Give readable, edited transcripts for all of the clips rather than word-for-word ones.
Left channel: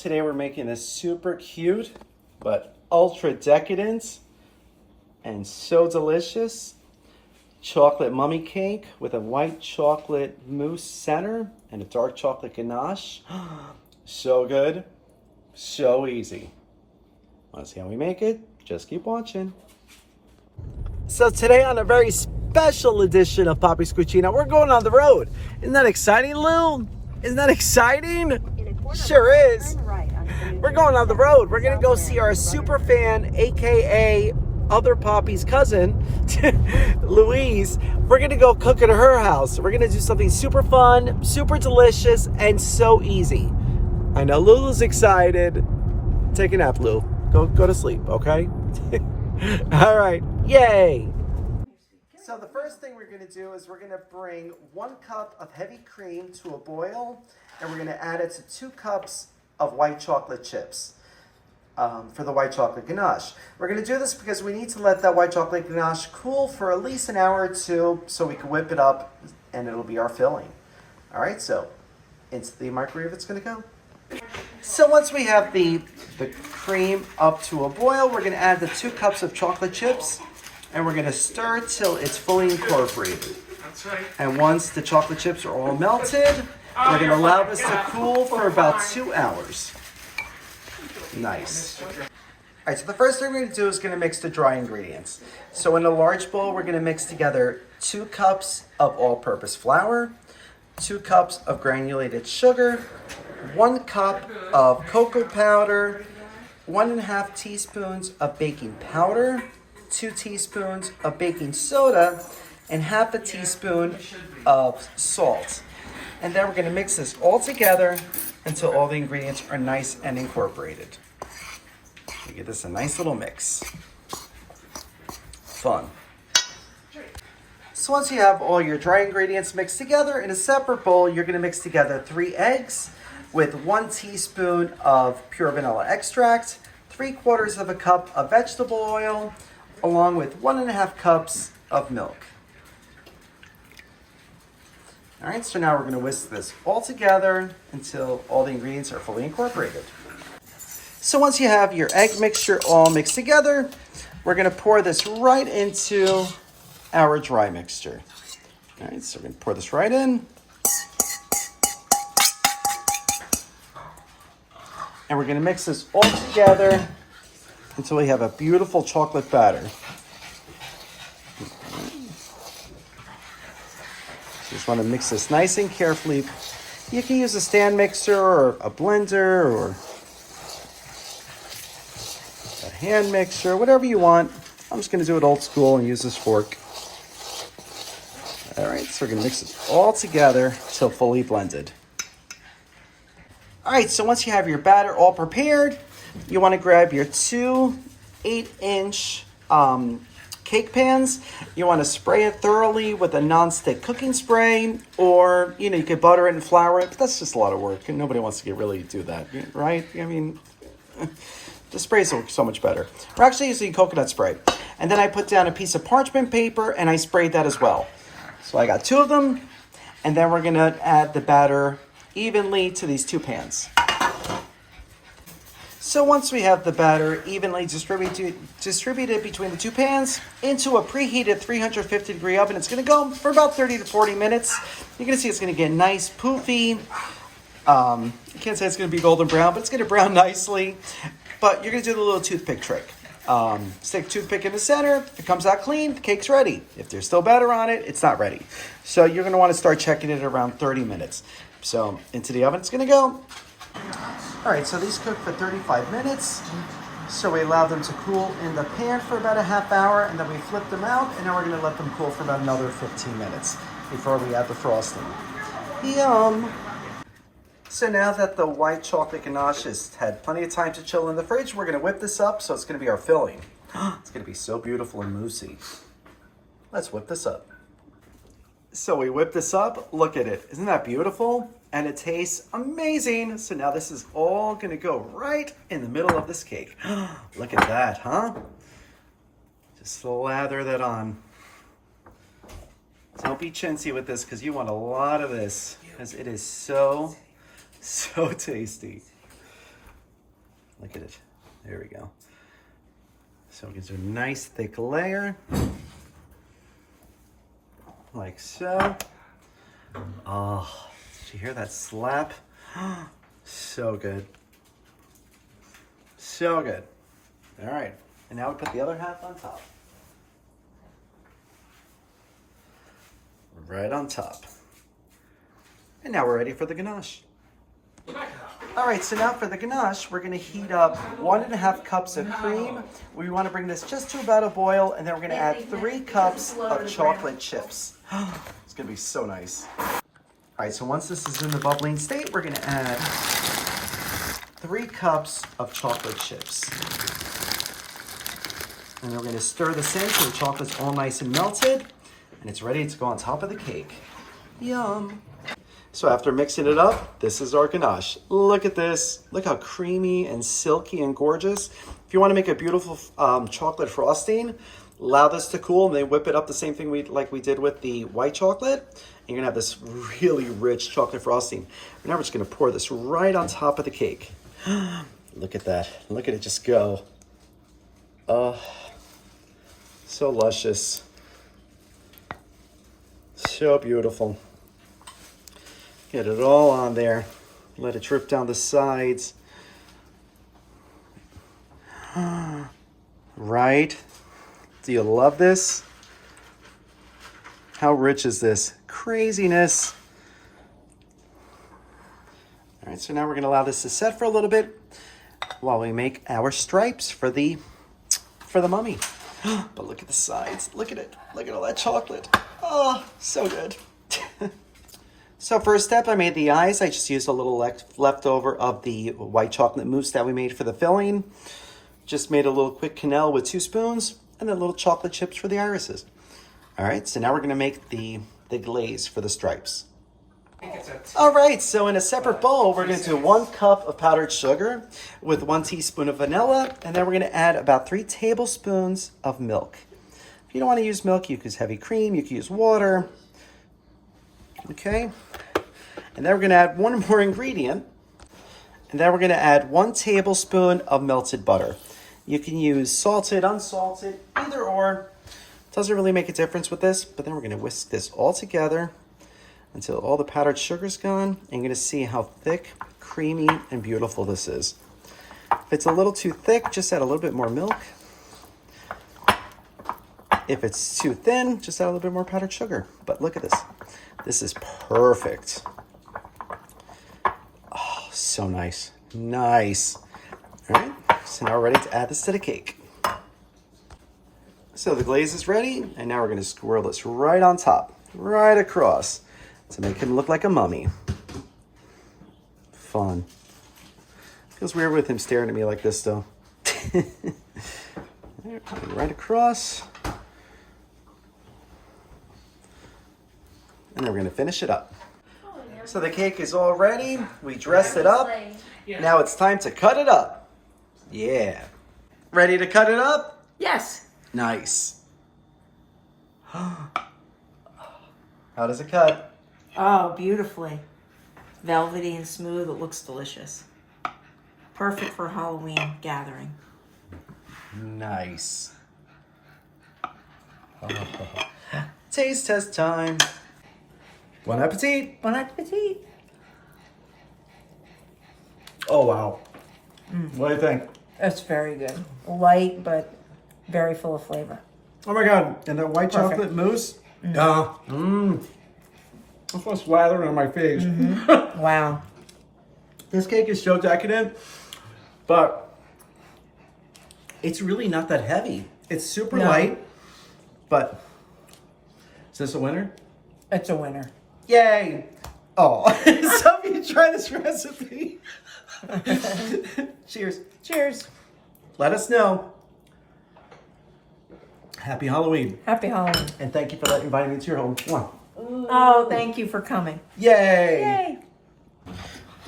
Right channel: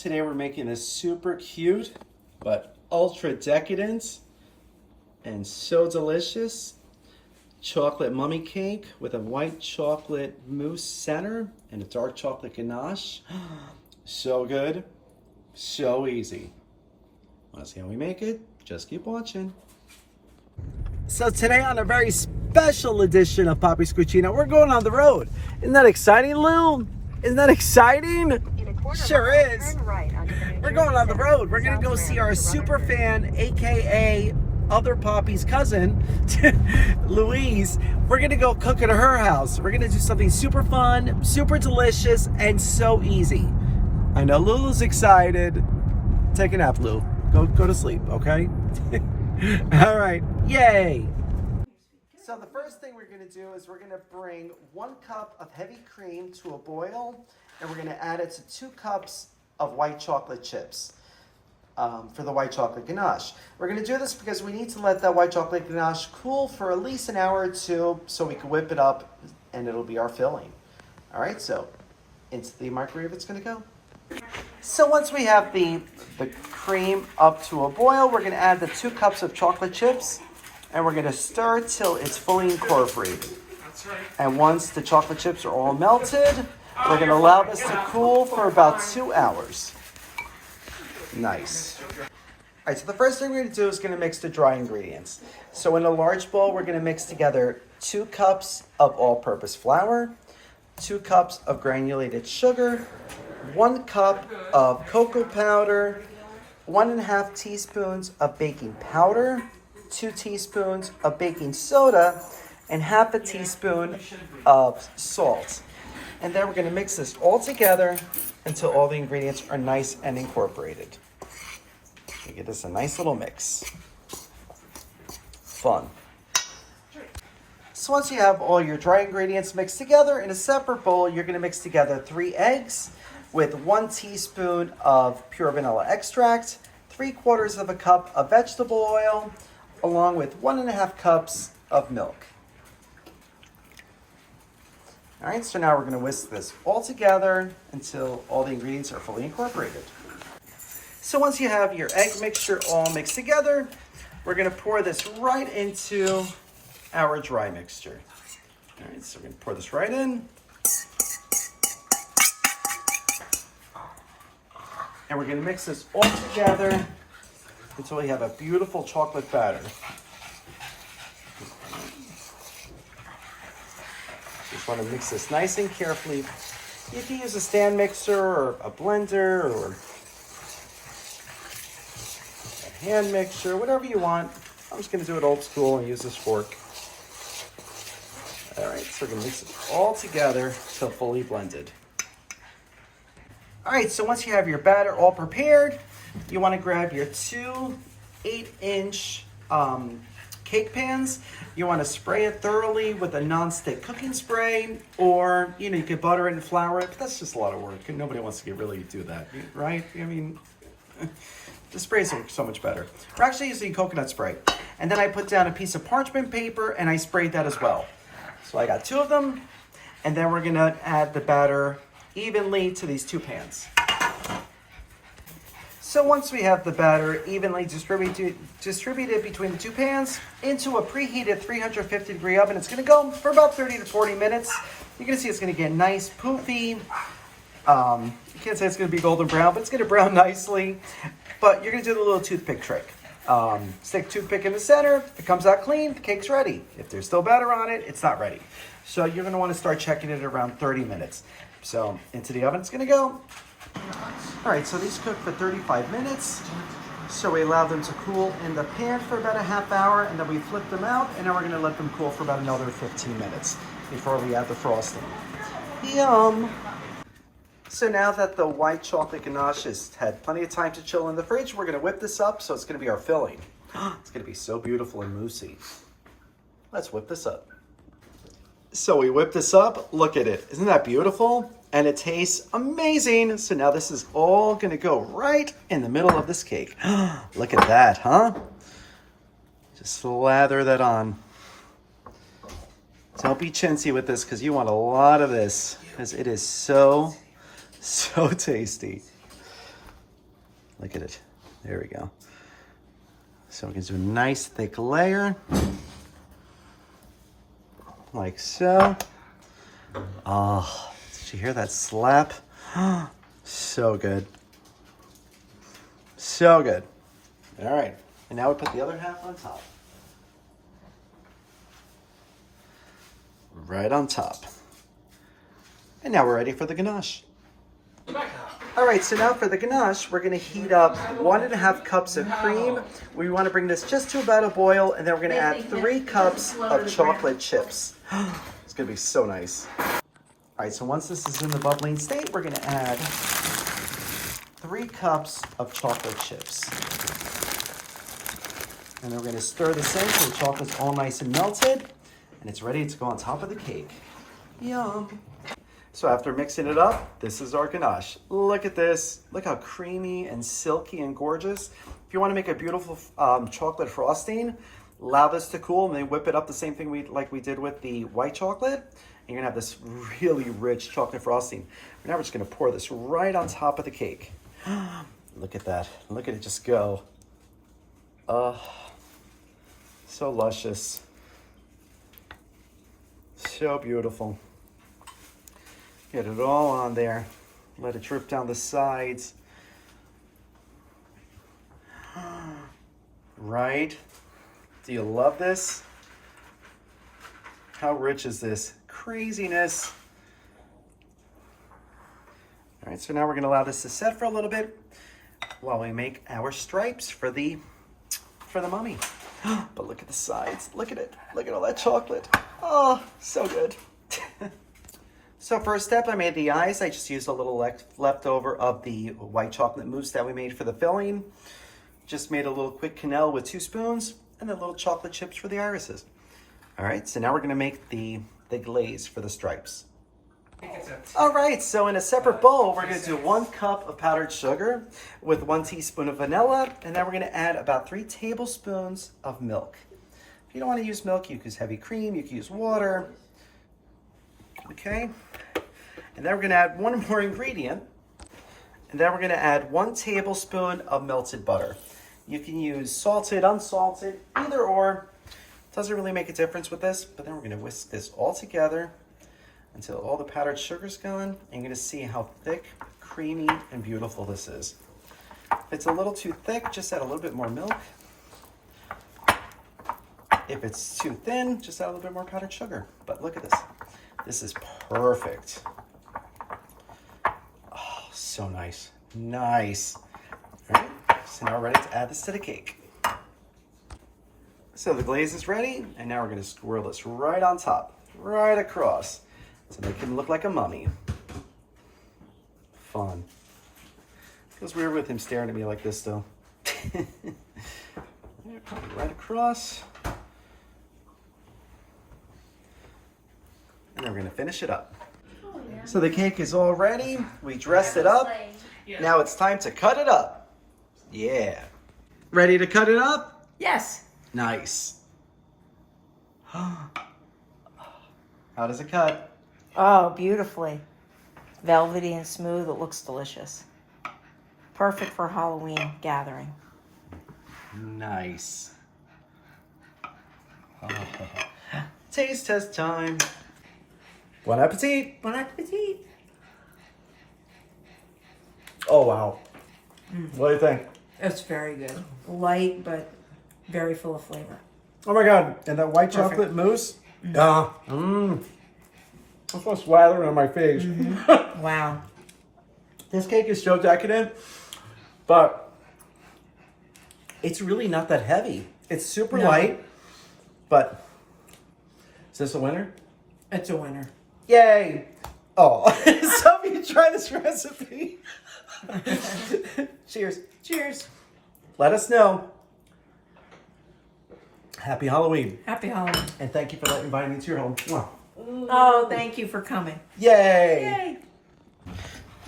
Today we're making a super cute but ultra decadent and so delicious chocolate mummy cake with a white chocolate mousse center and a dark chocolate ganache. So good, so easy. Want to see how we make it? Just keep watching. So today on a very special edition of Poppy's Cucina, we're going on the road. Isn't that exciting, Lou? Isn't that exciting? Sure is. We're going on the road. We're going to go see our super fan, aka other Poppy's cousin, Louise. We're going to go cook at her house. We're going to do something super fun, super delicious, and so easy. I know Lulu's excited. Take a nap, Lou. Go to sleep, okay? All right, yay. So the first thing we're going to do is we're going to bring 1 cup of heavy cream to a boil, and we're going to add it to 2 cups of white chocolate chips for the white chocolate ganache. We're going to do this because we need to let that white chocolate ganache cool for at least an hour or 2 so we can whip it up and it'll be our filling. All right, so into the microwave it's going to go. So once we have the cream up to a boil, we're going to add the 2 cups of chocolate chips and we're going to stir till it's fully incorporated. And once the chocolate chips are all melted, we're going to allow this to cool for about 2 hours. Nice. All right, so the first thing we're going to do is going to mix the dry ingredients. So in a large bowl, we're going to mix together 2 cups of all-purpose flour, 2 cups of granulated sugar, 1 cup of cocoa powder, 1.5 teaspoons of baking powder, 2 teaspoons of baking soda, and 1/2 teaspoon of salt. And then we're going to mix this all together until all the ingredients are nice and incorporated. We get this a nice little mix. Fun. So once you have all your dry ingredients mixed together in a separate bowl, you're going to mix together 3 eggs with 1 teaspoon of pure vanilla extract, 3/4 cup of vegetable oil, along with 1.5 cups of milk. All right, so now we're going to whisk this all together until all the ingredients are fully incorporated. So once you have your egg mixture all mixed together, we're going to pour this right into our dry mixture. All right, so we're going to pour this right in. And we're going to mix this all together until we have a beautiful chocolate batter. Just want to mix this nice and carefully. You can use a stand mixer or a blender or a hand mixer, whatever you want. I'm just going to do it old school and use this fork. All right, so we're going to mix this all together till fully blended. All right, so once you have your batter all prepared, you want to grab your 2 8-inch cake pans. You want to spray it thoroughly with a non-stick cooking spray, or you could butter it and flour it, but that's just a lot of work and nobody wants to really do that, right? I mean, the spray is so much better. We're actually using coconut spray. And then I put down a piece of parchment paper and I sprayed that as well. So I got 2 of them, and then we're gonna add the batter evenly to these 2 pans. So once we have the batter evenly distributed between the 2 pans into a preheated 350-degree oven, it's going to go for about 30 to 40 minutes. You're going to see it's going to get nice, poofy. I can't say it's going to be golden brown, but it's going to brown nicely. But you're going to do the little toothpick trick. Stick a toothpick in the center. If it comes out clean, the cake's ready. If there's still batter on it, it's not ready. So you're going to want to start checking it around 30 minutes. So into the oven it's going to go. All right, so these cook for 35 minutes. So we allow them to cool in the pan for about a half hour, and then we flip them out, and then we're going to let them cool for about another 15 minutes before we add the frosting. Yum! So now that the white chocolate ganache has had plenty of time to chill in the fridge, we're going to whip this up, so it's going to be our filling. It's going to be so beautiful and moussey. Let's whip this up. So we whip this up. Look at it. Isn't that beautiful? And it tastes amazing. So now this is all going to go right in the middle of this cake. Look at that, huh? Just lather that on. Don't be chintzy with this because you want a lot of this because it is so tasty. Look at it. There we go. So we can do a nice thick layer. Like so. Oh, did you hear that slap? So good. So good. All right. And now we put the other half on top. Right on top. And now we're ready for the ganache. All right, so now for the ganache, we're gonna heat up 1.5 cups of cream. We wanna bring this just to about a boil, and then we're gonna add 3 cups of chocolate chips. It's gonna be so nice. All right, so once this is in the bubbling state, we're gonna add 3 cups of chocolate chips. And then we're gonna stir this in so the chocolate's all nice and melted, and it's ready to go on top of the cake. Yum. So after mixing it up, this is our ganache. Look at this. Look how creamy and silky and gorgeous. If you want to make a beautiful chocolate frosting, allow this to cool and then whip it up the same thing like we did with the white chocolate. And you're gonna have this really rich chocolate frosting. Now we're just gonna pour this right on top of the cake. Look at that. Look at it just go. Oh, so luscious. So beautiful. Get it all on there. Let it drip down the sides. Right? Do you love this? How rich is this? Craziness. All right, so now we're gonna allow this to set for a little bit while we make our stripes for the mummy. But look at the sides. Look at it. Look at all that chocolate. Oh, so good. So first step, I made the eyes. I just used a little leftover of the white chocolate mousse that we made for the filling. Just made a little quick quenelle with 2 spoons and then little chocolate chips for the irises. All right, so now we're gonna make the glaze for the stripes. All right, so in a separate bowl, we're gonna do 1 cup of powdered sugar with 1 teaspoon of vanilla, and then we're gonna add about 3 tablespoons of milk. If you don't wanna use milk, you can use heavy cream, you can use water. Okay, and then we're gonna add 1 more ingredient, and then we're gonna add 1 tablespoon of melted butter. You can use salted, unsalted, either or. Doesn't really make a difference with this, but then we're gonna whisk this all together until all the powdered sugar's gone, and you're gonna see how thick, creamy, and beautiful this is. If it's a little too thick, just add a little bit more milk. If it's too thin, just add a little bit more powdered sugar. But look at this. This is perfect. Oh, so nice. Nice. All right, so now we're ready to add this to the cake. So the glaze is ready, and now we're gonna swirl this right on top, right across, to make him look like a mummy. Fun. Feels weird with him staring at me like this, though. Right across. And then we're gonna finish it up. So the cake is all ready. We dressed it up. Now it's time to cut it up. Yeah. Ready to cut it up? Yes. Nice. How does it cut? Oh, beautifully. Velvety and smooth. It looks delicious. Perfect for Halloween gathering. Nice. Taste test time. Bon appetit. Bon appetit. Oh, wow. What do you think? That's very good. Light, but very full of flavor. Oh my God. And that white chocolate mousse? That's going to slather on my face. Wow. This cake is so decadent, but it's really not that heavy. It's super light, but is this a winner? It's a winner. Yay! Oh, some of you try this recipe. Cheers. Cheers. Let us know. Happy Halloween. Happy Halloween. And thank you for inviting me to your home. Mwah. Oh, thank you for coming. Yay!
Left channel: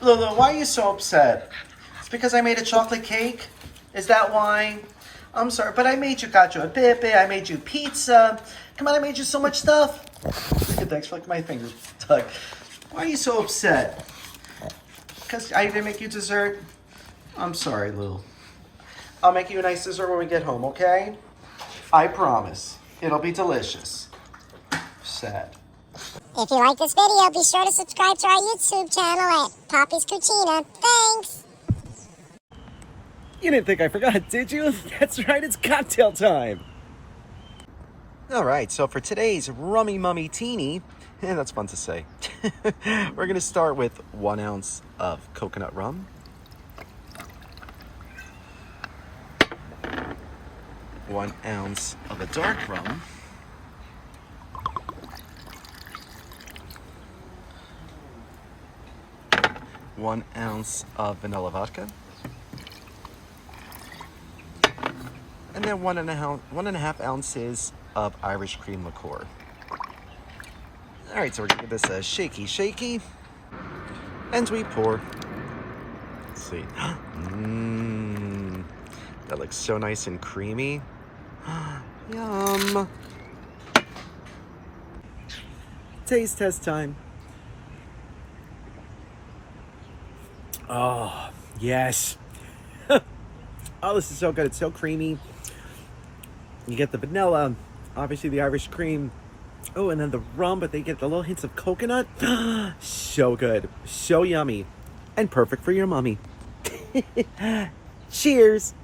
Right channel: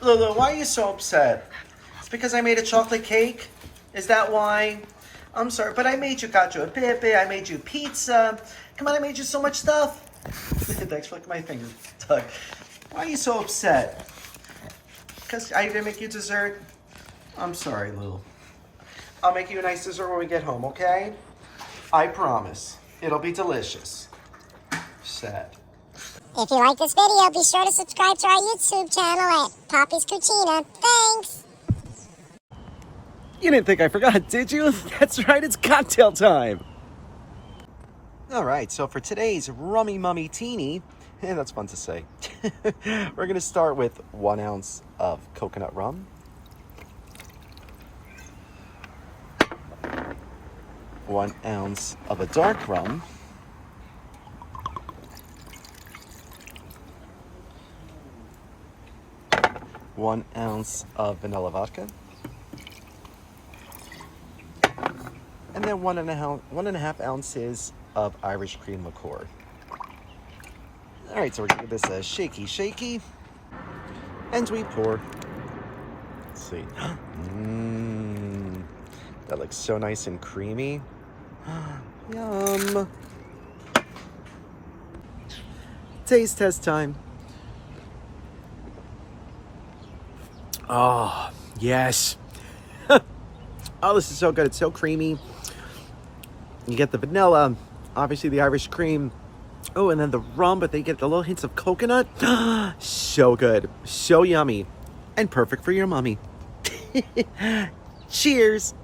Lulu, why are you so upset? It's because I made a chocolate cake? Is that why? I'm sorry, but I made you cacio e pepe, I made you pizza. Come on, I made you so much stuff. Thanks for licking my finger, Doug. Why are you so upset? Because I didn't make you dessert? I'm sorry, Lou. I'll make you a nice dessert when we get home, okay? I promise. It'll be delicious. Sad. If you like this video, be sure to subscribe to our YouTube channel at Poppy's Cucina. Thanks! You didn't think I forgot, did you? That's right, it's cocktail time. All right, so for today's Rummy Mummy Teeny, that's fun to say. We're gonna start with 1 ounce of coconut rum. 1 ounce of a dark rum. 1 ounce of vanilla vodka. And then 1.5 ounces of Irish cream liqueur. All right, so we're gonna give this a shaky, and we pour. Let's see. That looks so nice and creamy. Yum. Taste test time. Oh, yes. Oh, this is so good. It's so creamy. You get the vanilla, obviously the Irish cream. Oh, and then the rum, but they get the little hints of coconut. So good. So yummy. And perfect for your mummy. Cheers.